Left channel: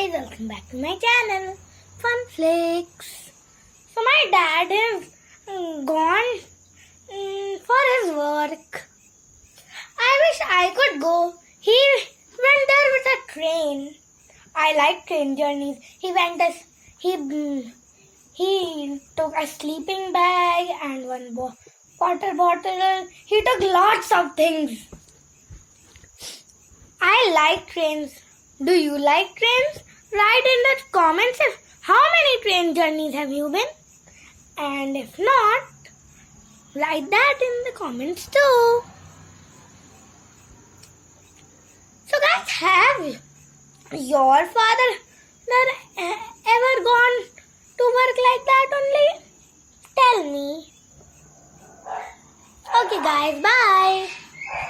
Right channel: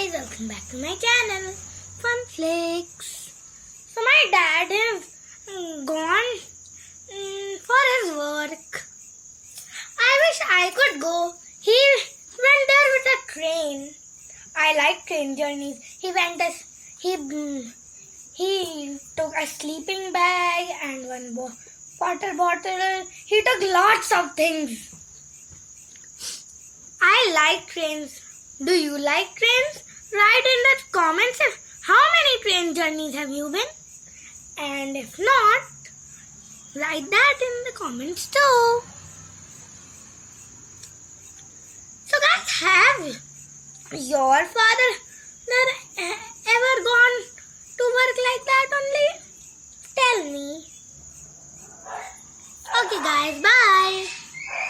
guys, welcome back to my channel, Fun Flakes. So my dad is gone for his work. I wish I could go. He went there with a train. I like train journeys. He took a sleeping bag and one water bottle. He took lots of things. I like trains. Do you like trains? Write in the comments how many train journeys have you been? And if not, write that in the comments too. So guys, have your father ever gone to work like that only? Tell me. Okay guys, bye.